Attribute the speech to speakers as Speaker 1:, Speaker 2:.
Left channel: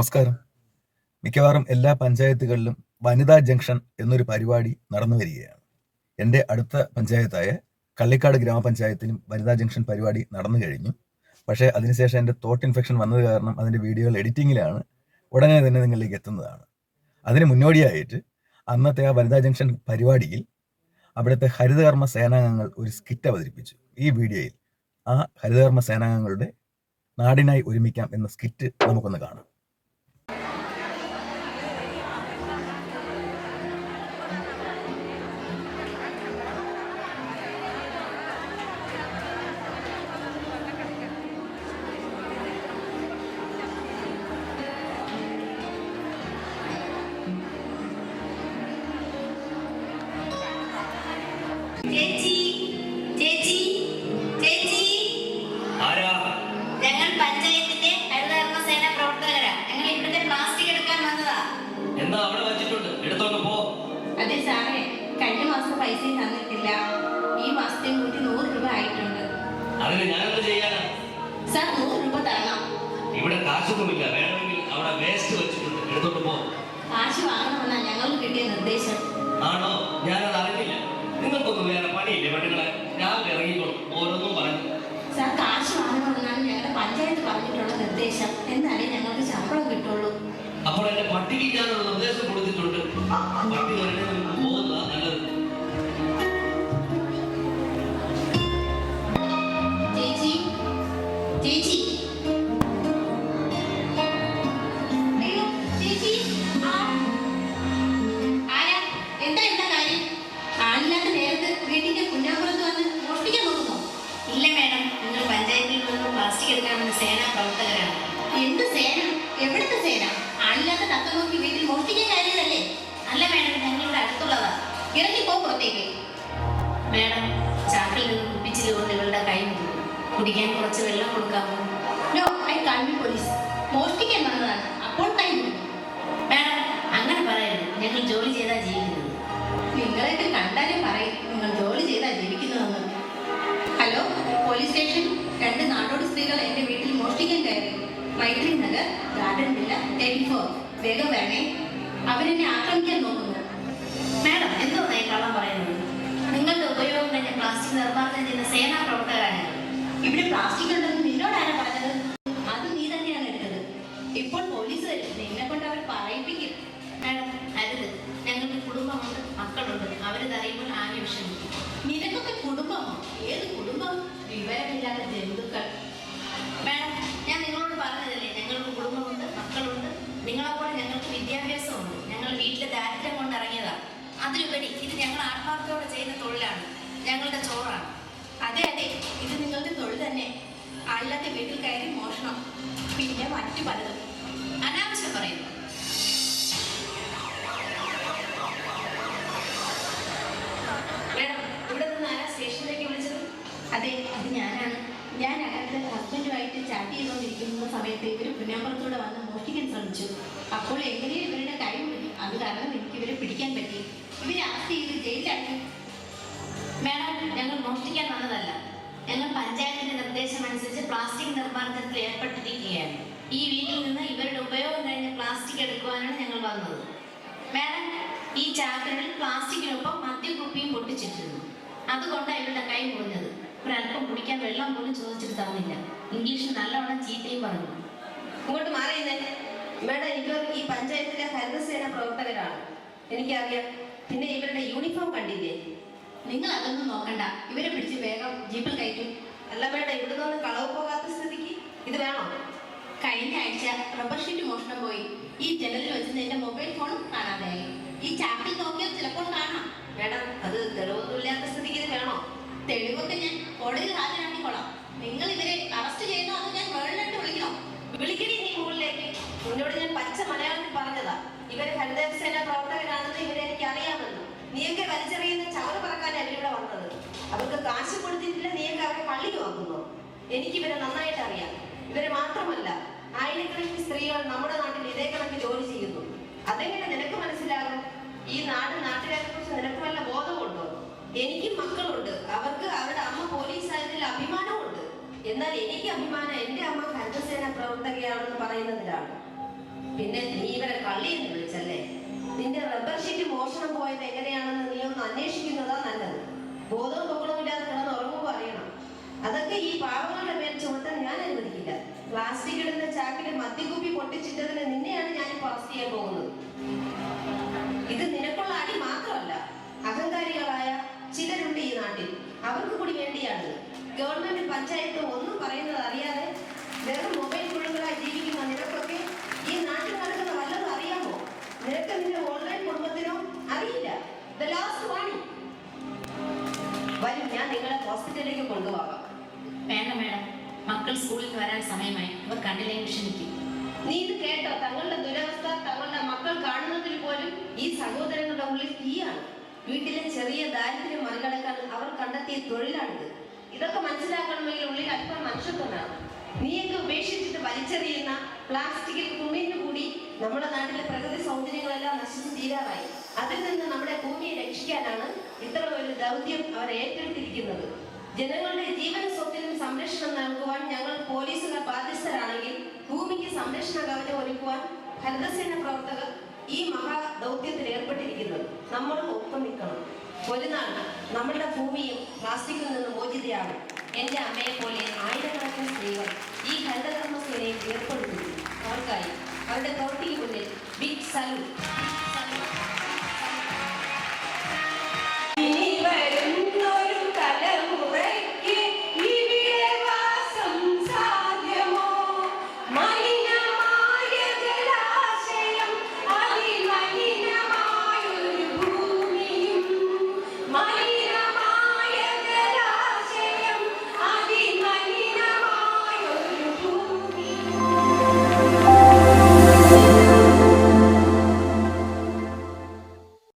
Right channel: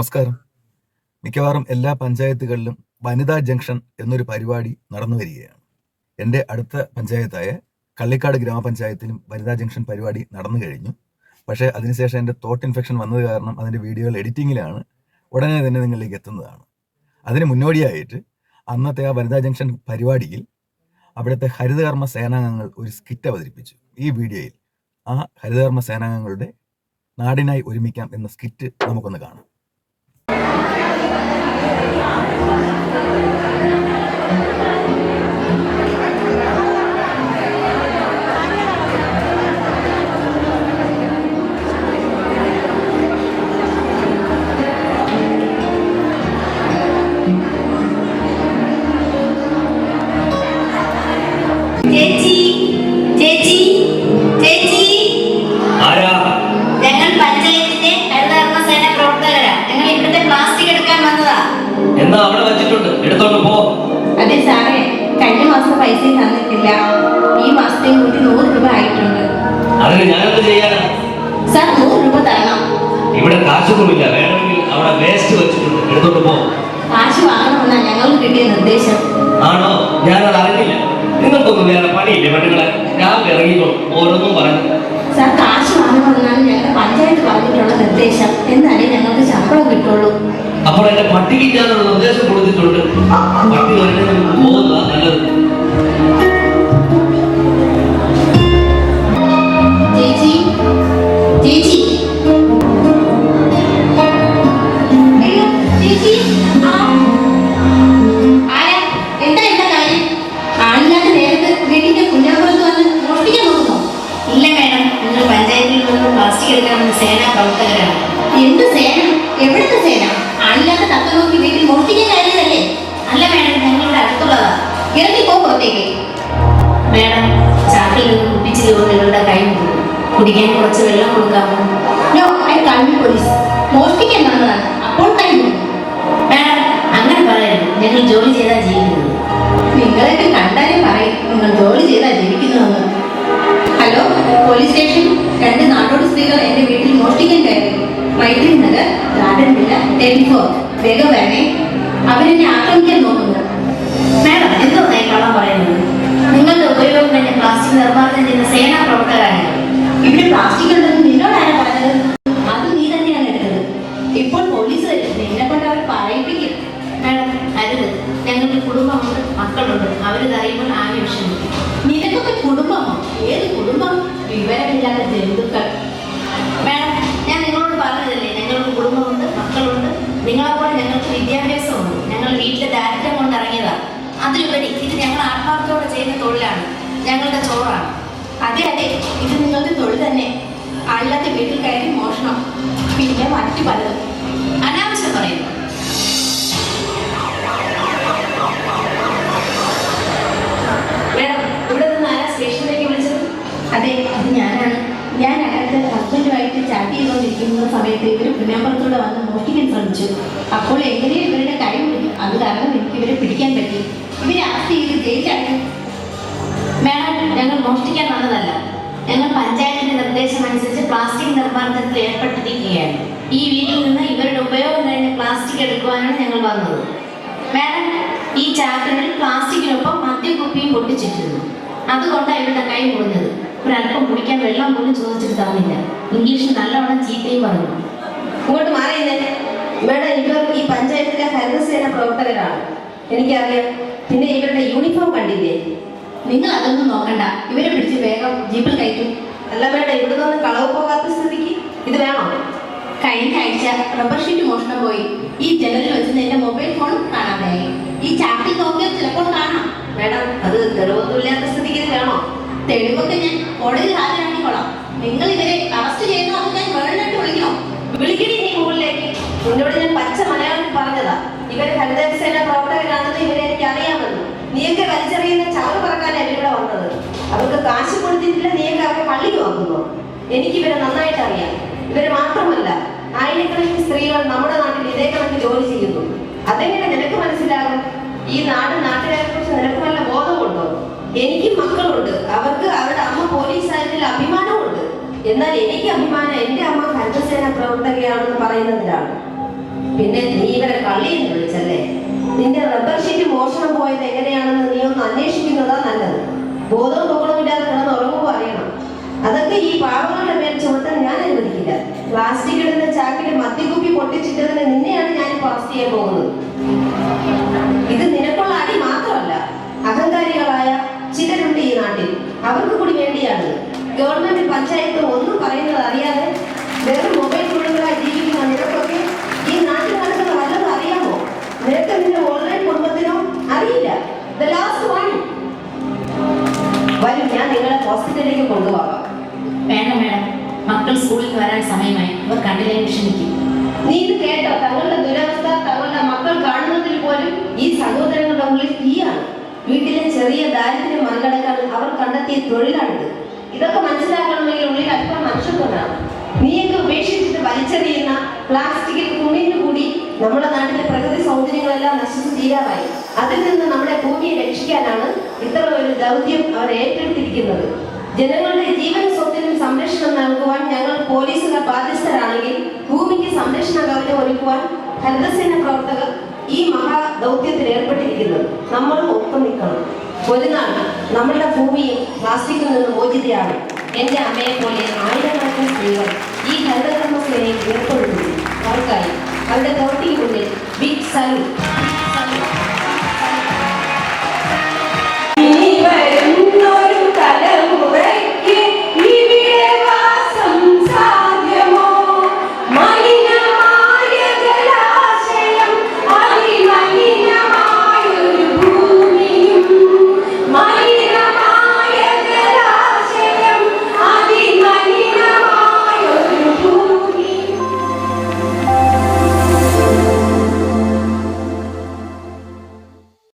Speaker 1: നമസ്കാരം. മിക്കവാറും എല്ലാ പഞ്ചായത്തുകളിലും വനിതാ ജംഗ്ഷൻ എന്നൊരു പരിപാടി നടന്നു വരികയാണ്. എന്റെ അടുത്ത പഞ്ചായത്തായ കള്ളിക്കാട് ഗ്രാമപഞ്ചായത്തിലും വനിതാ ജംഗ്ഷൻ പരിപാടി നടന്നു കഴിഞ്ഞു. പക്ഷേ അതിനുശേഷം എന്റെ തോട്ട് ഇൻഫെക്ഷൻ വന്നത് കാരണം അതിന്റെ വീഡിയോകൾ എഡിറ്റിങ്ങിലാണ് ഉടനെ തന്നെ നിങ്ങളിലേക്ക് എത്തുന്നതാണ്. അതിന് മുന്നോടിയായിട്ട് അന്നത്തെ ആ വനിതാ ജംഗ്ഷൻ പരിപാടിയിൽ അവിടുത്തെ ഹരിതകർമ്മ സേനാംഗങ്ങൾ ഒരു സ്കിറ്റ് അവതരിപ്പിച്ചു. ഈ വീഡിയോയിൽ ആ ഹരിതകർമ്മ സേനാംഗങ്ങളുടെ നാടിനായി ഒരുമിക്കാം എന്ന സ്കിറ്റ് നമുക്കൊന്ന് കാണാം.
Speaker 2: എന്നാ അവിടെ വെച്ചിട്ടുണ്ട്? എടുത്തോണ്ട് പോ.
Speaker 3: അതെ സാറേ കഴിഞ്ഞ മാസം പൈസ തന്നിട്ടില്ല. ഈ മാസത്തെ കൂടി നൂറ് രൂപ ആയിട്ടുണ്ട്.
Speaker 2: അതിന് ഞാനെന്ത് ചെയ്യാനാ?
Speaker 3: സാർ നൂറ് രൂപ തരണം.
Speaker 2: ഇവിടെ കാശൊന്നുമില്ല. വേണമെങ്കിൽ അവിടെ വേസ്റ്റ് വെച്ചിട്ടുണ്ട്. എടുത്തോണ്ട് പോ.
Speaker 3: കാശ് വാങ്ങണമെന്നാ ഞങ്ങൾക്ക് കിട്ടിയ നിർദ്ദേശം.
Speaker 2: ആണോ? ഞാനത് അറിഞ്ഞില്ല. നിങ്ങൾക്കൊന്നും വേറെ പണിയില്ലേ പെണ്ണുങ്ങളെ? ഞാൻ ഇറങ്ങിക്കോളും ഓരോന്നും പറഞ്ഞു
Speaker 3: സാർ കാശ് വാങ്ങണമെന്നാണ് ഞങ്ങളുടെ പഞ്ചായത്ത് പറഞ്ഞിട്ടുള്ള നിർദ്ദേശം എന്നാലേ ഞങ്ങൾക്ക് ശമ്പളം കിട്ടുള്ളൂ
Speaker 2: അപ്പോൾ എന്റെ പട്ടിക്ക് ഞാനൊരു നിർദ്ദേശം കൊടുത്തിട്ടുണ്ട് പട്ടി വരുന്നതിന് മുമ്പ് പോകുന്നതാ നല്ലത്
Speaker 3: ചേച്ചി ചേച്ചി അയ്യോ, ചേച്ചി ആ. ആരാ? എന്താ എന്താ കാര്യം ആളില്ലാത്ത നേരത്ത് വീട്ടിന്റെ കുഞ്ഞാമ്പുറത്ത് വന്ന് മോഷ്ടിക്കാൻ നോക്കുന്നോ?
Speaker 4: ഇല്ല മേഡം. ഞങ്ങൾ പഞ്ചായത്തിൽ നിന്ന് പ്ലാസ്റ്റിക് എടുക്കാൻ വന്ന സേന പ്രവർത്തകരാണ്.
Speaker 3: എന്ത് സേന? എവിടുത്തെ സേന? ആളില്ലാത്ത തത്ത നോക്കി വീട്ടിൽ മോഷ്ടിക്കാൻ കാര്യമല്ലേ?
Speaker 4: അല്ല മേഡം ഞങ്ങളുടെ അടുത്തുള്ളതാ.
Speaker 3: ഇറങ്ങി പോ പുറത്തേക്ക്.
Speaker 4: മേഡം ചാക്കിൽ കൊണ്ട് ഇവരുടെ കൈ കുടിക്കാൻ കുറച്ച് വെള്ളം കൊടുക്കാമോ?
Speaker 3: തേർട്ടി വേഗം വരണേ അവരെന്നെ ആക്രമിക്കാൻ നോക്കുന്നു.
Speaker 4: മാഡം എന്തോ നയം കള്ളം പറയുന്നത്. നിങ്ങളുടെ ഉപയോഗം കഴിഞ്ഞ പ്ലാസ്റ്റിക് നിർമ്മാർജനം ചെയ്യുന്ന സേനാ പ്രവർത്തകരാണ്.
Speaker 3: ഇവിടെ പ്ലാസ്റ്റിക്
Speaker 4: ഞങ്ങൾ ആത്മാർത്ഥത്തോടെ ചെയ്യുന്ന തൊഴിലാണ്. ഞങ്ങളുടെ ചോറാണ്.
Speaker 3: അതെ അതെ ഇത് നിങ്ങളുടെ തൊഴിൽ തന്നെ. അല്ലാത്ത വീട്ടിൽ കയറി മോഷണം. പിന്നെ മറ്റു പലതും.
Speaker 4: അനാവശ്യം പറയുന്നു.
Speaker 3: അതെ അത് ഞാനാണ്. ഞാൻ അകത്ത് ഹസ്ബൻഡുമായിട്ട് ചാറ്റ് ചെയ്തുകൊണ്ടിരിക്കുന്ന സമയത്ത് ഇവർ പുന്നാമ്പുറത്തൂടെ വന്ന് മോഷ്ടിക്കാൻ ശ്രമിച്ചു. അപ്പോൾ എങ്ങനെയും ഇവരുടെ കൈ അത് കാരണം
Speaker 4: മോഷ്ടിക്കാൻ വന്നതല്ല ഞങ്ങൾ പഞ്ചായത്തിന്റെ നിർദ്ദേശം അനുസരിച്ച് പ്ലാസ്റ്റിക് നിർമ്മാർജനത്തിൽ ഏർപ്പെട്ടിരിക്കുകയാണ്. ഈ വീട്ടിൽ നിന്ന് ഇവരുടെ ഉപയോഗം കഴിഞ്ഞ പ്ലാസ്റ്റിക് എടുക്കുവാനാണ് ഞങ്ങൾ വന്നത്. മേഡം ഈ ചാക്കറിൽ പ്ലാസ്റ്റിക്കിനൊപ്പം മദ്യക്കുപ്പിയും പൊട്ടിച്ചിട്ടിരുന്നു. അതുകൊണ്ടാണ് ഇവരുടെ കൈ മുറിഞ്ഞത്. ഒരല്പം കുടിക്കാൻ വെള്ളം പോലും ചോദിച്ചിട്ട് തന്നില്ല. ഇംഗ്ലീഷിൽ നല്ലവണ്ണം ചീത്തയും പറഞ്ഞു.
Speaker 5: ഇങ്ങോട്ട് മാറിയില്ലേ? മേഡം ഇവർ ഈ പഞ്ചായത്തിലെ ഹരിതസേന പ്രവർത്തകരാണ്. എനിക്കറിയാം. പിന്നെ ഇവരുടെ യൂണിഫോം കണ്ടില്ലേ?
Speaker 3: നിങ്ങൾ അതൊന്നും നോക്കണ്ട. ഇവരെ പിടിച്ച് വേഗം ജീപ്പിൽ കയറ്റും.
Speaker 5: അല്ല വേണ്ട. ഇവിടെ നിന്ന് കളവ് പോകാത്ത സ്ഥിതിക്ക് ഇത് വേണോ?
Speaker 3: കഴിഞ്ഞ ആഴ്ച റബ്ബർ ഷീറ്റ് മോഷണം പോയി. ഈ ജനലിൽ വെച്ച് എന്റെ മൊബൈൽ ഫോൺ കാണാതായി. ഈ ചാക്കിൽ നോക്കിയാൽ ചിലപ്പോൾ കാണാം.
Speaker 5: മേഡം അത് തെളിവൊന്നുമില്ലാത്ത സ്ഥിതിക്ക് ഇത് വേണോ?
Speaker 3: തെളിവൊക്കെ ഞാൻ കോടതിയിൽ ഹാജരാക്കിക്കോളാം. നിങ്ങൾ ഇവരെ അറസ്റ്റ് ചെയ്യുന്നു അത് ഞാൻ വേണ്ടിട്ട് വിളിക്കണോ?
Speaker 5: വിളിക്കണി നീ മുകളിലേക്ക് നിന്നോട് ഞാൻ പച്ച മലയാളം പറഞ്ഞതാ. ഇവർ ഹരിതസേന പ്രവർത്തകരാണെന്ന് ഇവരെ എനിക്ക് അറിയാമെന്ന് നീയൊക്കെ വലിച്ചെറിയുന്ന ചവറ് പറക്കാനാണ് ഇവിടെ വന്നത്. അവർക്ക് കാശ് കൊടുത്തിട്ടില്ല നീയൊക്കെ അവരെ പള്ളിക്ക് വാങ്ങുന്നു. എനിക്ക് ഇവരെ നന്നായിട്ട് അറിയാം. ഇവർ മാത്രമല്ല ആയിരക്കണക്കിന് സ്ത്രീകൾ നമ്മുടെ നാട്ടിൽ ഇതേ കണക്ക് ജോലി ചെയ്യുന്നു. അതെങ്ങനെ നിനക്ക് മനസ്സിലാകും? ഈ നാട് നാട്ടുകാരെ കുറിച്ച് നിനക്ക് വല്ല ബോധമുണ്ടോ? എനിക്കും മക്കളുണ്ട്. അവർക്ക് അവരുടെ അമ്മ പോലീസ് പോലീസായതിൽ അഭിമാനമുണ്ട്. എന്നാൽ എനിക്ക് അഭിമാനം എന്റെ അമ്മ ഹരിതസേന പ്രവർത്തകയാണെന്ന് പറയുന്നതിലാണ്. പിന്നെ നീ ഇവരെ കള്ളിയെന്ന് വിളിച്ചല്ലേ? നിന്റെ റബ്ബർ ഷീറ്റ് മോഷണം പോയത് എങ്ങനെയാണെന്ന് നീ ഒന്ന് അന്വേഷിക്കുന്നതാ നല്ലത്. ബോധവും തോന്നമില്ലാതെ കിടന്ന് ഉറങ്ങുമ്പോൾ അറിയണം. അതൊക്കെ ഈ പാവങ്ങളുടെ മേൽ ചുമത്താൻ ഞാൻ അനുവദിക്കില്ല. പ്ലാസ്റ്റിക് ഇടുന്ന ചാക്കിൽ മദ്യക്കുപ്പി പൊട്ടിച്ചിട്ടതിന് നിന്നെയാണ് ഞാൻ പാസ് ചെയ്യാൻ പോകുന്നത്. ഇത് നിനക്കുള്ള അടി മാത്രമല്ല അഹങ്കാരികളായ ചിലരുണ്ട് ഈ നാട്ടിൽ. അവർക്ക് കൂടി വേണ്ടിയാണ്. ഗവൺമെന്റ് പഞ്ചായത്ത് ഒന്നും പറയുന്നത്
Speaker 4: കണ്ടില്ലെങ്കിൽ ക്ഷമിക്കും
Speaker 5: നീ ഇത് കേട്ടോ? തങ്ങളുടെ ദുരവസ്ഥ തങ്ങളുടെ മക്കൾ കാണുന്നതിൽ പോലും ഈ സഹോദരങ്ങളുടെ ഉള്ളിൽ തീയാണ് വീട്ടിലെ ചെറിയ ദാരിദ്ര്യം മറികടക്കാൻ അവർ കണ്ടെത്തിയ തൊഴിലാണിത്. ഇതൊക്കെ മനസ്സിലാക്കണമെങ്കിൽ ഉള്ളിൽ അല്പം മനുഷ്യത്വമാണ് നീയൊക്കെ ഉപേക്ഷിച്ചിട്ട് വലിച്ചെറിയുന്ന പ്ലാസ്റ്റിക്കിൽ കുമിഞ്ഞു കൂടി നമ്മുടെ നാട്ടിലെ പ്രകൃതി സൗന്ദര്യങ്ങളെല്ലാം നശിച്ചു തീരാറായി. അതിൽ നിന്ന് നമ്മുടെ ഭൂമിയെ രക്ഷിക്കാനാണ് ഇത്ര ഒരു ദൗത്യം അവർ ഏറ്റെടുത്തിരിക്കുന്നത്. ജനങ്ങളുടെ ജീവൻ സ്വത്തിനും സംരക്ഷണം നൽകുവാൻ ഞങ്ങൾ പോലീസിന്റെ ബാധ്യസ്ഥരാണെങ്കിൽ ഭൂമിക്ക് സംരക്ഷണ കവചം ഒരുക്കുവാൻ ഹരിതസേന പ്രവർത്തകർ ഈ മഹാ ദൗത്യത്തിൽ ഏർപ്പെട്ടിരിക്കുന്നത് നമ്മൾ ഒപ്പം നിൽക്കണം. ഒരു നാൾ നമ്മളുടെ ഭൂമിയും പ്ലാസ്റ്റിക്കിൽ നിന്ന് മോചിതയാണ് എന്റെ അമ്മയെ പോലെ ആയിരക്കണക്കിന് സ്ത്രീകൾ ഈ ഹരിതകർമ്മ സേനയിൽ ഏർപ്പെടുന്നു അവർക്കായി അവരുടെ പ്രവൃത്തിക്ക് ബിഗ് സലൂട്ട്